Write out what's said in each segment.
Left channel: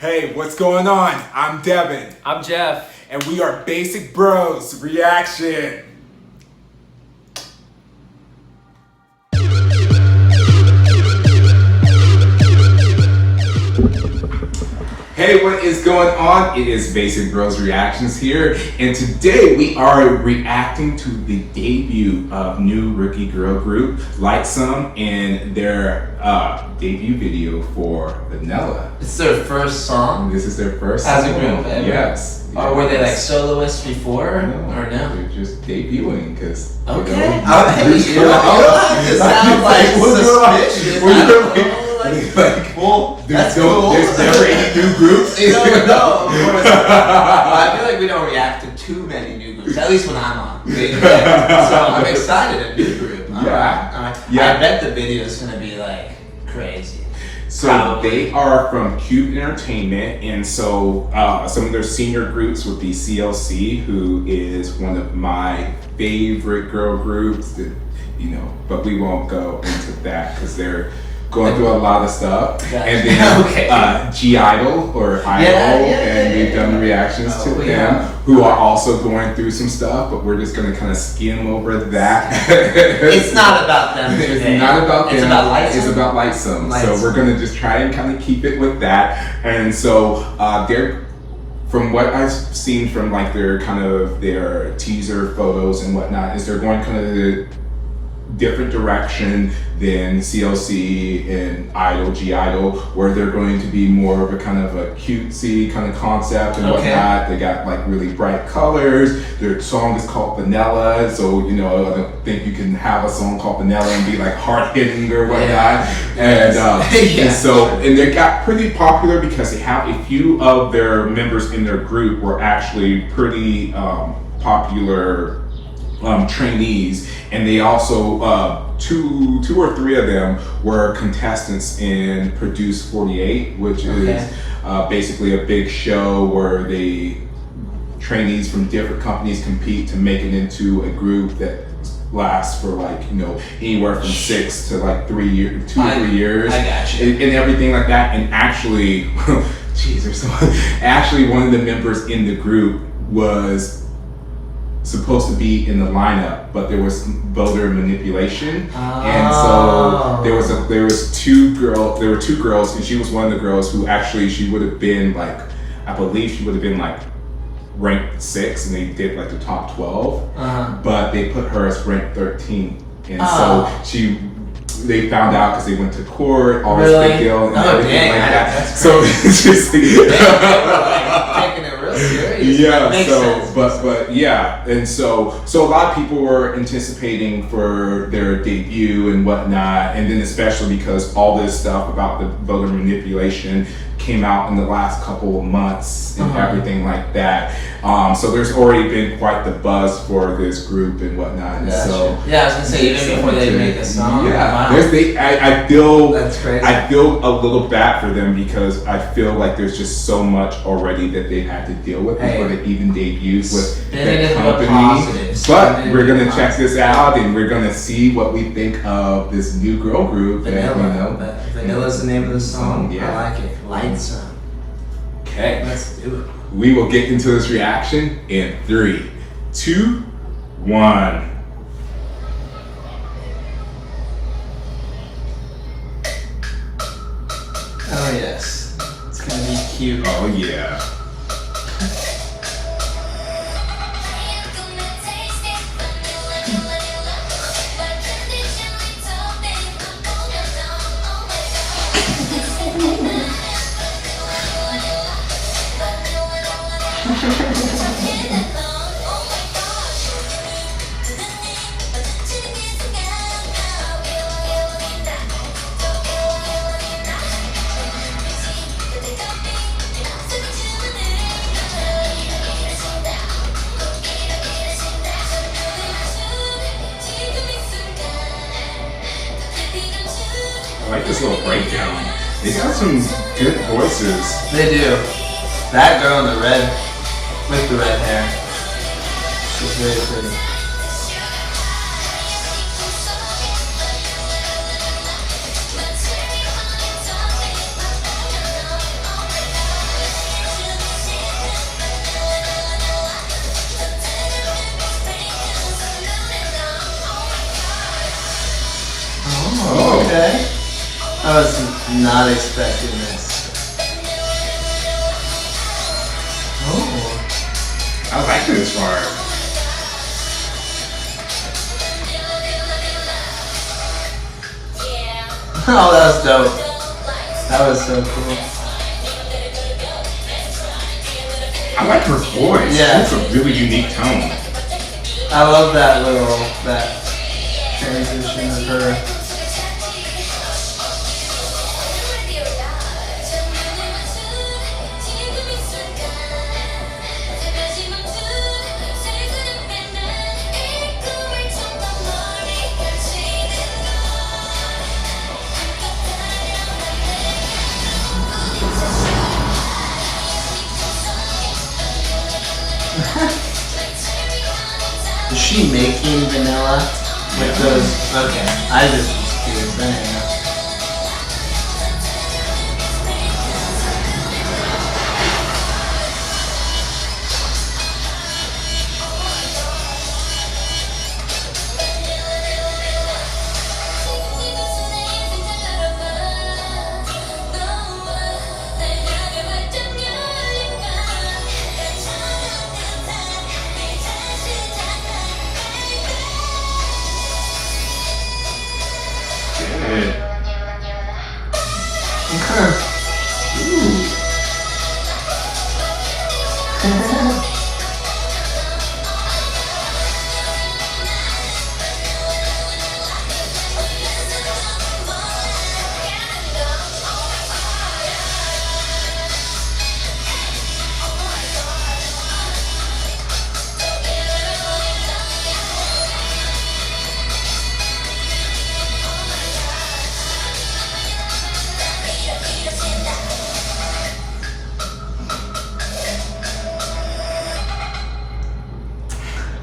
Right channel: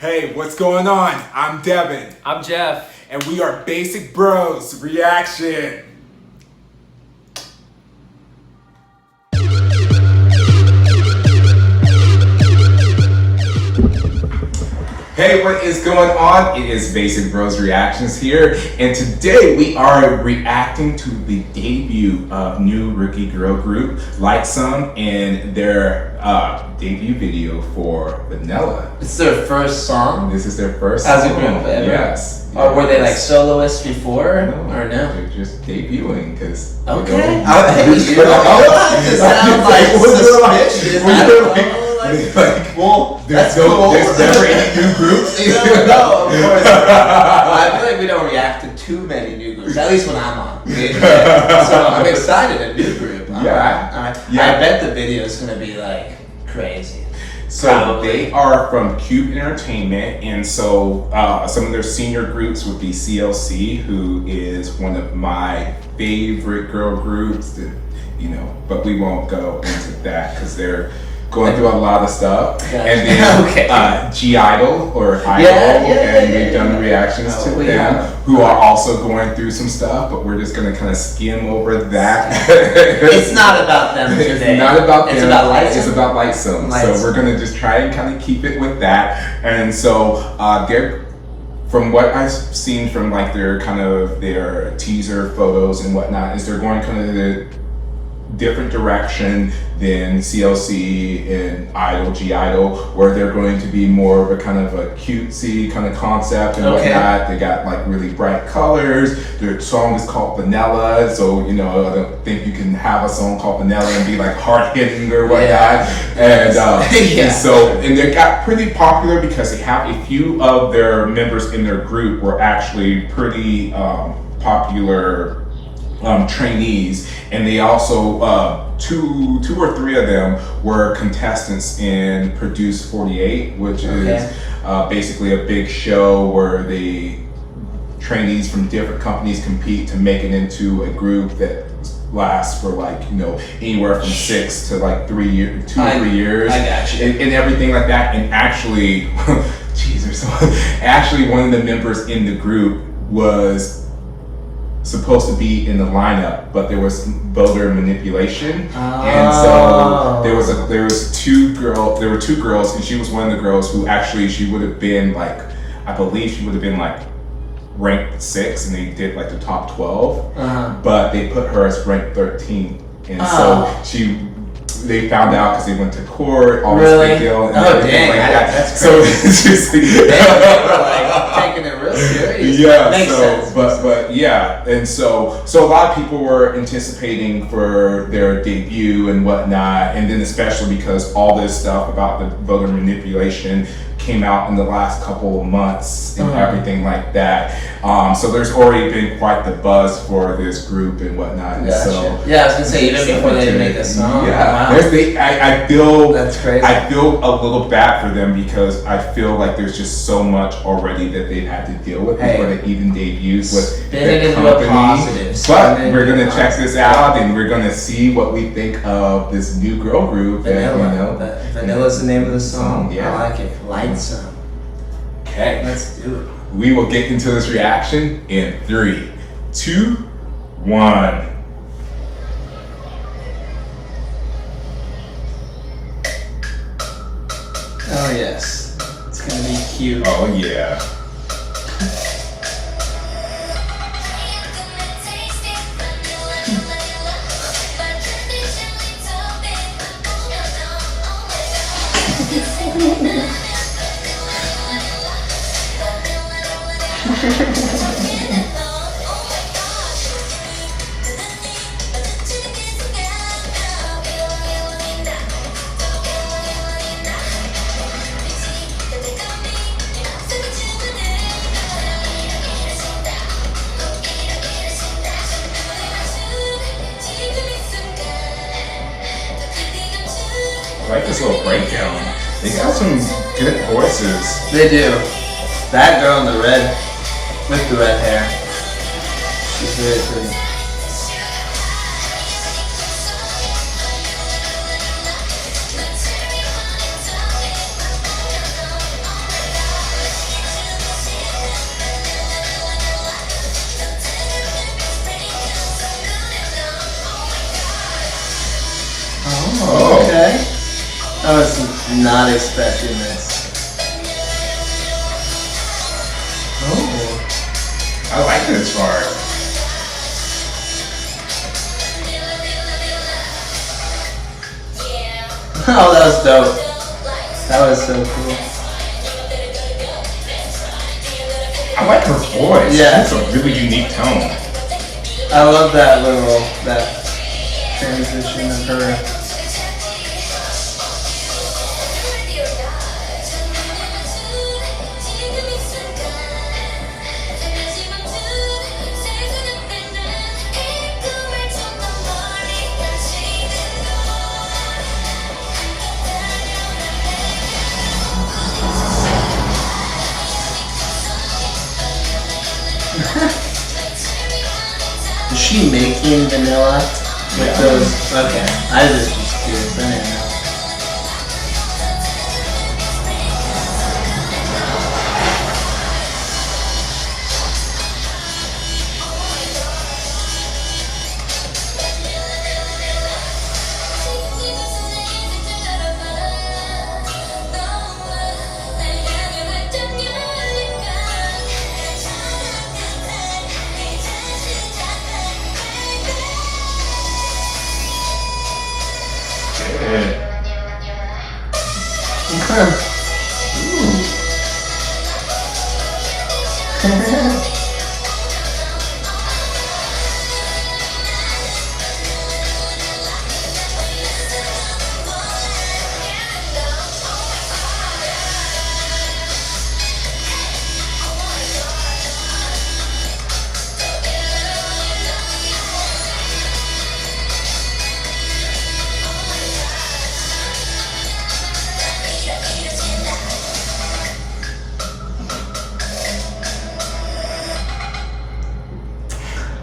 Hey, what's going on? I'm Devin. I'm Jeff. And we are Basic Bros Reaction. Hey, what is going on? It is Basic Bros Reactions here, and today we are reacting to the debut of new rookie girl group LIGHTSUM and their debut video for Vanilla. It's their first song? This is their first as song. a group ever? Yes. Or were they like soloists before? No, or no? They're just debuting because. Okay. You don't have to sound like suspicious. Well, there's that's cool. There's never any new groups. No, of course. I feel like we don't react to too many new groups, at least when I'm on. So I'm excited, a new group. All right. Yeah. I bet the video is going to be like crazy. So Probably. they are from Cube Entertainment, and so some of their senior groups would be CLC, who is one of my favorite girl groups. That, but we won't go into that because they're going through a lot of stuff. Gotcha. And then G-Idol or Idol, and we've done reactions to them, who are also going through some stuff, but we're just going to kind of skim over that. It's not about them today. It's not about them. It's about LIGHTSUM. It's about LIGHTSUM. So we're going to just try and kind of keep it with that. And so they're, from what I've seen from like their teaser photos and whatnot, is they're going kind of the different direction than CLC and Idol, G-Idol, where they're going to be more of a kind of a cutesy kind of concept and whatnot. They got like really bright colors. Their song is called Vanilla, so I don't think you can have a song called Vanilla and be like hard hitting or whatnot. And they got pretty popular because they have a few of their members in their group were actually pretty popular trainees, and they also two or three of them were contestants in Produce 48, which is basically a big show where the trainees from different companies compete to make it into a group that lasts for like anywhere from 6 to like 3 years, 2 or 3 years. I got you. And everything like that. And actually, actually one of the members in the group was supposed to be in the lineup, but there was voter manipulation, and so there were two girls, and she was one of the girls who actually she would have been like, I believe she would have been like ranked 6, and they did like the top 12, but they put her as ranked 13, and so they found out because they went to court, all this big deal, and everything like that. That's so it's just they were like taking it real serious. Yeah, makes sense. but yeah, and so a lot of people were anticipating for their debut and whatnot, and then especially because all this stuff about the voter manipulation came out in the last couple of months and everything like that. So there's already been quite the buzz for this group and whatnot. And so I was gonna say even before they make a song. I feel that's crazy. I feel a little bad for them because I feel like there's just so much already that they've had to deal with before they even debuted with their company. But we're gonna check this out and we're gonna see what we think of this new girl group. Vanilla. Vanilla's the name of the song. Yeah. I like it. LIGHTSUM. Okay, let's do it. We will get into this reaction in 3, 2, 1. Oh yes, it's gonna be cute. Oh yeah. I like this little breakdown. They got some good voices. They do. That girl in the red, with the red hair, she's very pretty. not expecting this. Oh. I like this part. Oh, that was dope. That was so cool. I like her voice. Yeah. It's a really unique tone. I love that transition of her. Is she making vanilla with those? Okay, I just was curious. I didn't know.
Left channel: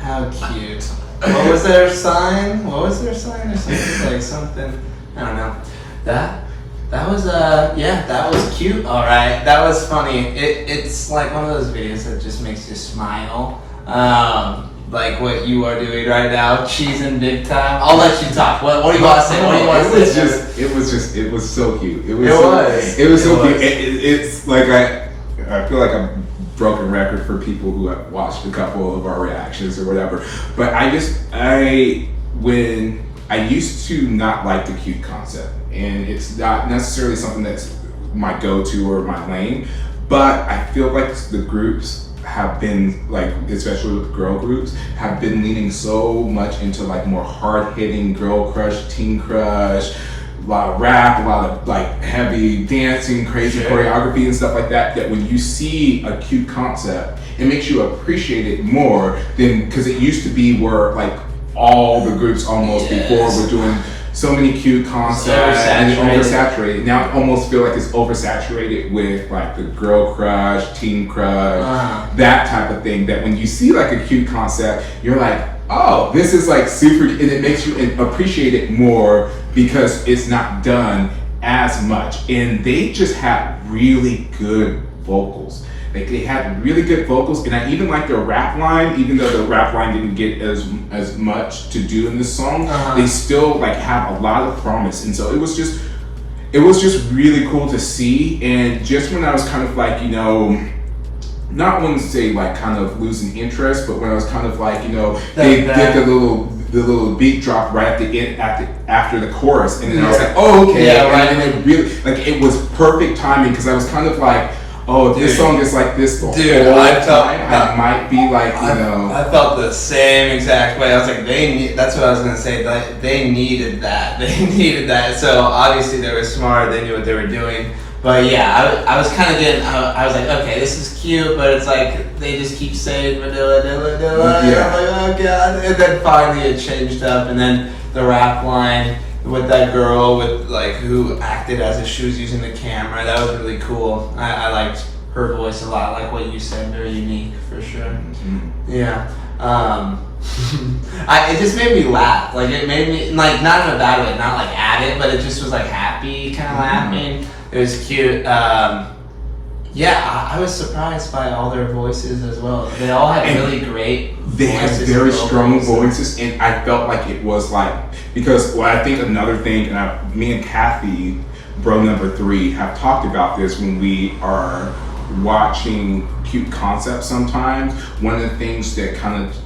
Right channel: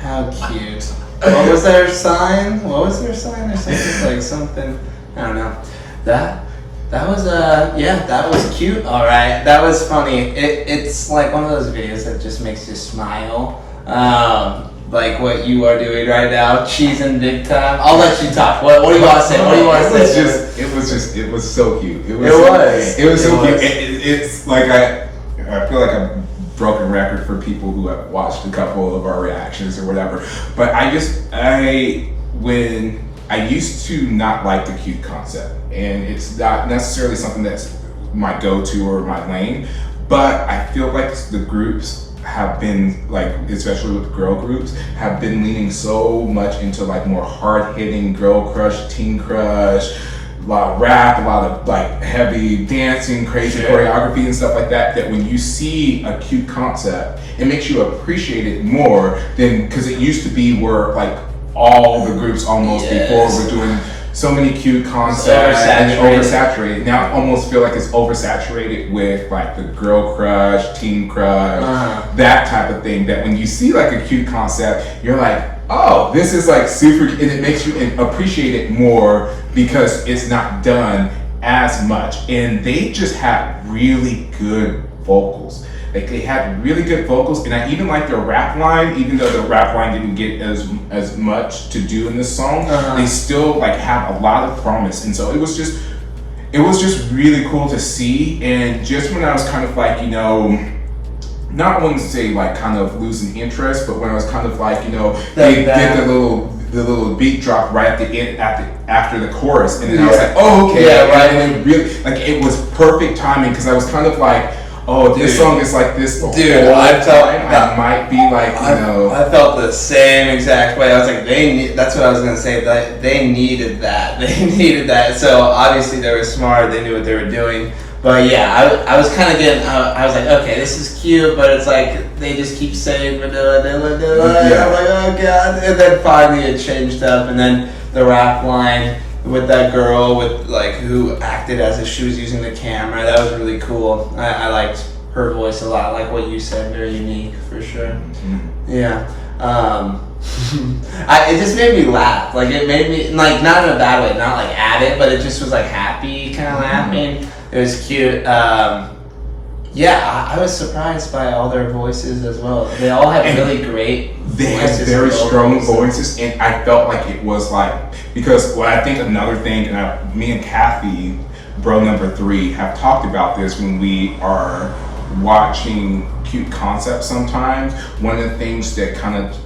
How cute. What was their sign? There's something like something. I don't know. That was that was cute. All right, that was funny. It's like one of those videos that just makes you smile. Like what you are doing right now, cheesing big time. I'll let you talk. What do you want to say? What do you want to say? It was so cute. It was so cute. It's like I feel like a broken record for people who have watched a couple of our reactions or whatever. But when I used to not like the cute concept, and it's not necessarily something that's my go-to or my lane, but I feel like the groups have been, like, especially with girl groups, have been leaning so much into like more hard-hitting girl crush, teen crush, a lot of rap, a lot of like heavy dancing, crazy choreography and stuff like that, that when you see a cute concept, it makes you appreciate it more than, because it used to be where like all the groups almost before were doing so many cute concepts and oversaturated. Now I almost feel like it's oversaturated with like the girl crush, teen crush, that type of thing, that when you see like a cute concept, you're like, oh, this is like super, and it makes you appreciate it more because it's not done as much. And they just had really good vocals. Like they had really good vocals, and I even like their rap line, even though the rap line didn't get as much to do in this song. They still like have a lot of promise, and so it was just really cool to see. And just when I was kind of like, you know, not wanting to say like kind of losing interest, but when I was kind of like, you know, they did the little beat drop right at the end, after the chorus, and then I was like, oh, okay, and it really, like, it was perfect timing, because I was kind of like, oh, this song is like this the whole time. I might be like, you know. I felt the same exact way. I was like, that's what I was gonna say. That they needed that. They needed that. So obviously they were smart. They knew what they were doing. But yeah, I was kind of getting. I was like, okay, this is cute, but it's like they just keep saying vanilla, vanilla, vanilla. And I'm like, oh god. And then finally it changed up, and then the rap line with that girl with like who acted as if she was using the camera. That was really cool. I liked her voice a lot, like what you said, very unique for sure. Yeah. It just made me laugh. Like it made me, like, not in a bad way, not like at it, but it just was like happy kind of laughing. It was cute. Yeah, I was surprised by all their voices as well. They all had really great They had very strong voices, and I felt like it was like, because I think another thing, and me and Kathy bro number 3 have talked about this when we are watching cute concepts sometimes. One of the things that kind of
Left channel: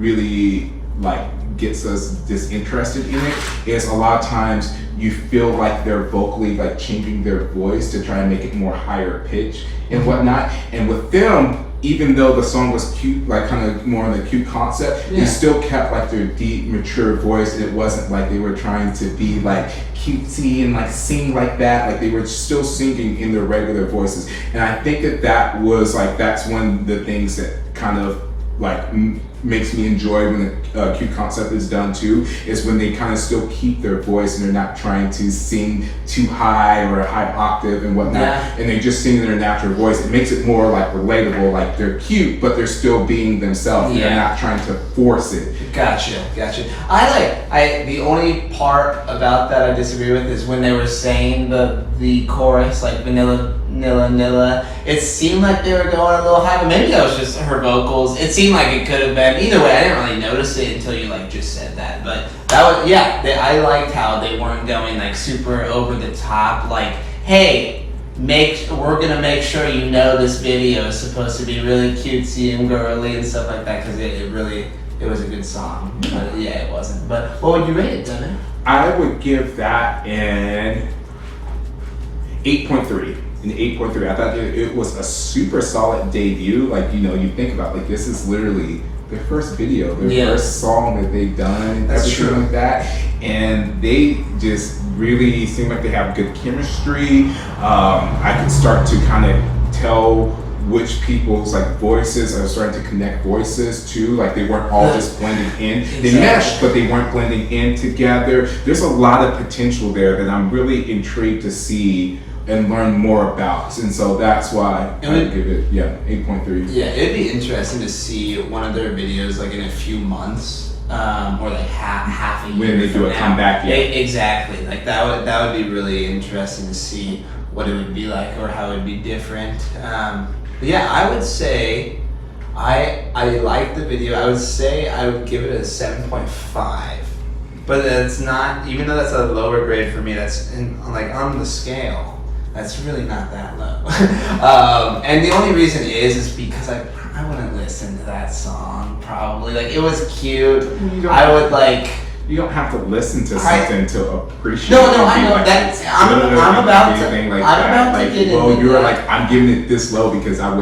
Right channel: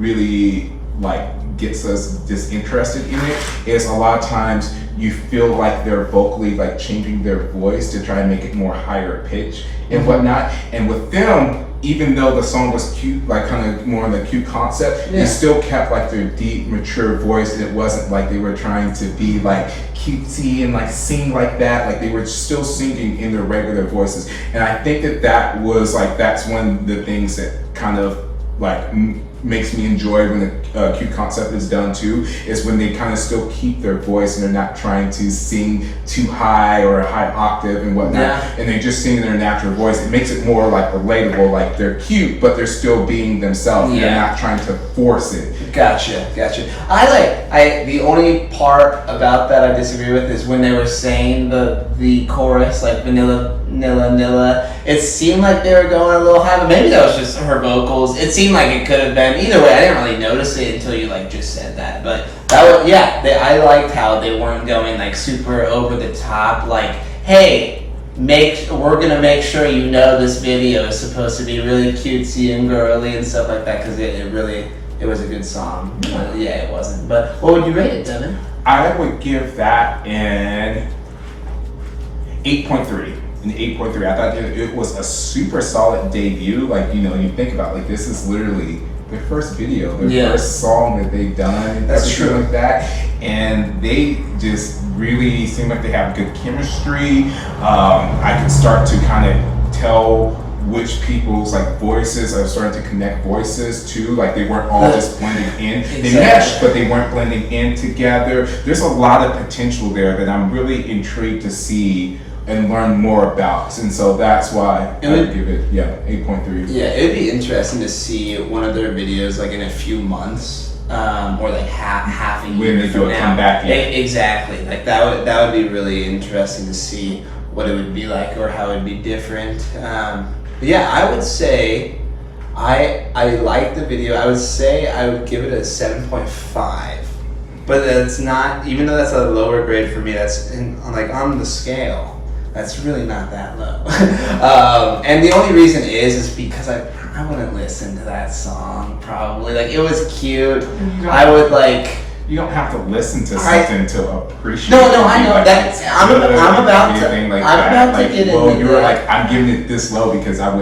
really like gets us disinterested in it is a lot of times you feel like they're vocally like changing their voice to try and make it more higher pitch and whatnot. And with them, even though the song was cute, like kind of more on the cute concept, they still kept like their deep, mature voice, and it wasn't like they were trying to be like cutesy and like sing like that. Like they were still singing in their regular voices. And I think that was like, that's one of the things that kind of like makes me enjoy when the cute concept is done too, is when they kind of still keep their voice and they're not trying to sing too high or a high octave and whatnot, and they just sing their natural voice. It makes it more like relatable, like they're cute but they're still being themselves and they're not trying to force it. Gotcha. The only part about that I disagree with is when they were saying the chorus, like vanilla, nilla. It seemed like they were going a little high, but maybe that was just her vocals. It seemed like it could have been either way. I didn't really notice it until you like just said that. But that was I liked how they weren't going like super over the top. Like, hey, we're gonna make sure you know this video is supposed to be really cutesy and girly and stuff like that, because it was a good song. It wasn't. But what would you rate it, Devin? I would give that an 8.3. An 8.3. I thought it was a super solid debut. Like, you think about like this is literally their first video, their first song that they've done. That's true. Like that, and they just really seem like they have good chemistry. I can start to kind of tell which people's like voices are starting to connect voices too. Like they weren't all just blending in. They meshed, but they weren't blending in together. There's a lot of potential there that I'm really intrigued to see and learn more about, and so that's why I would give it 8.3. Yeah, it'd be interesting to see one of their videos like in a few months, or like half a year when they from do a now. comeback. Exactly, like that would be really interesting to see what it would be like or how it'd be different. But yeah, I would say I like the video. I would say I would give it a 7.5. But it's not, even though that's a lower grade for me, that's on the scale. That's really not that low. And the only reason is because I wouldn't listen to that song probably. Like, it was cute. I would like. You don't have to listen to something to appreciate. No, I know like, that. I'm about to get into. Well, you were like, I'm giving it this low because I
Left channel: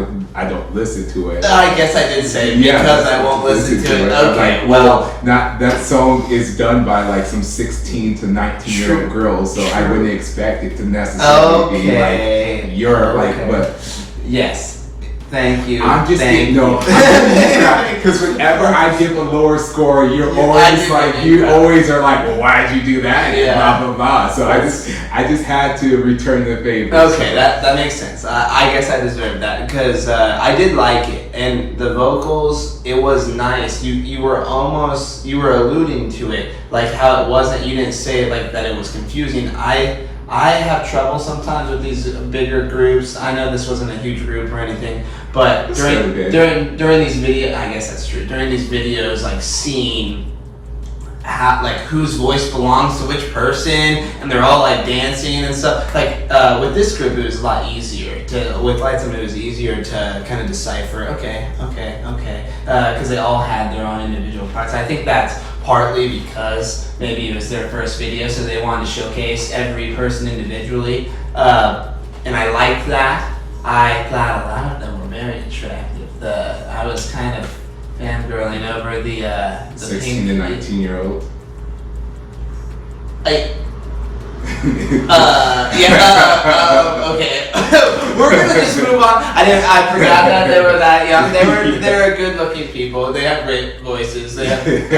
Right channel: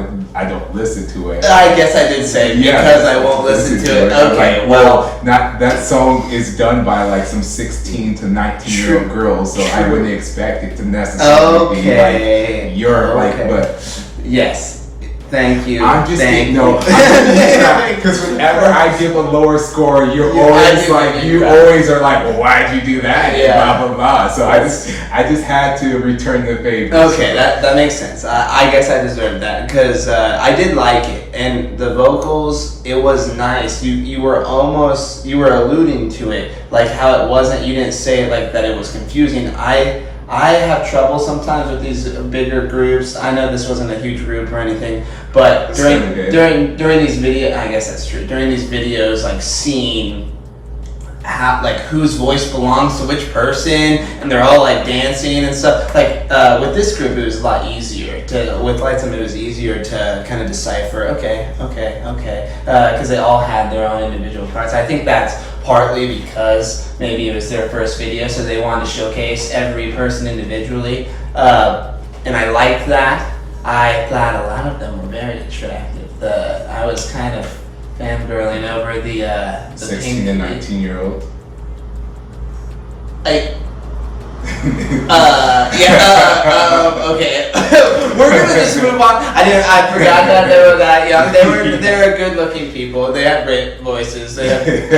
don't listen to it. I guess I did say because I won't listen to it. Okay, like, well, not that song is done by like some 16 to 19-year-old girls, so I wouldn't expect it to necessarily be like but yes. Thank you. I'm just kidding. Because whenever I give a lower score, you're always like, you always are like, well, why'd you do that? Yeah. Blah blah blah. So I just had to return the favor. Okay, so. that makes sense. I guess I deserved that because I did like it, and the vocals, it was nice. You were alluding to it, like how it wasn't. You didn't say it like that. It was confusing. I have trouble sometimes with these bigger groups. I know this wasn't a huge group or anything, but during these videos, I guess that's true. During these videos, like seeing how, like, whose voice belongs to which person, and they're all like dancing and stuff. Like with this group, it was a lot easier with LIGHTSUM. It was easier to kind of decipher. Okay, because they all had their own individual parts. I think that's partly because maybe it was their first video, so they wanted to showcase every person individually, and I liked that. I thought a lot of them were very attractive. I was kind of fangirling over the 16 and 19-year-old. Okay. We're gonna just move on. I forgot that they were that young. They were good-looking people. They have great voices. Anyway,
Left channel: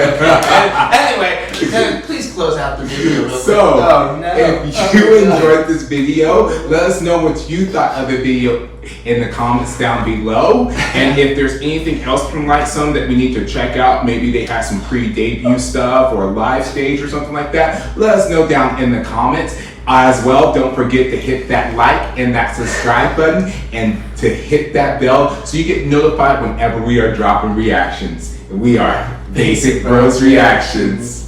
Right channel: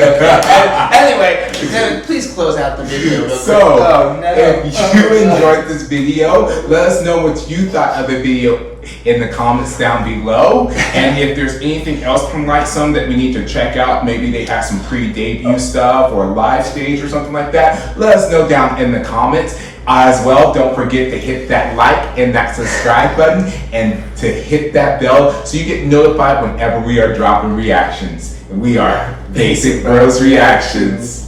Devin, please close out the video real quick. So, if you enjoyed this video, let us know what you thought of the video in the comments down below. And if there's anything else from LIGHTSUM that we need to check out, maybe they have some pre-debut stuff or a live stage or something like that, let us know down in the comments. As well, don't forget to hit that like and that subscribe button and to hit that bell so you get notified whenever we are dropping reactions. We are Basic Bros Reactions.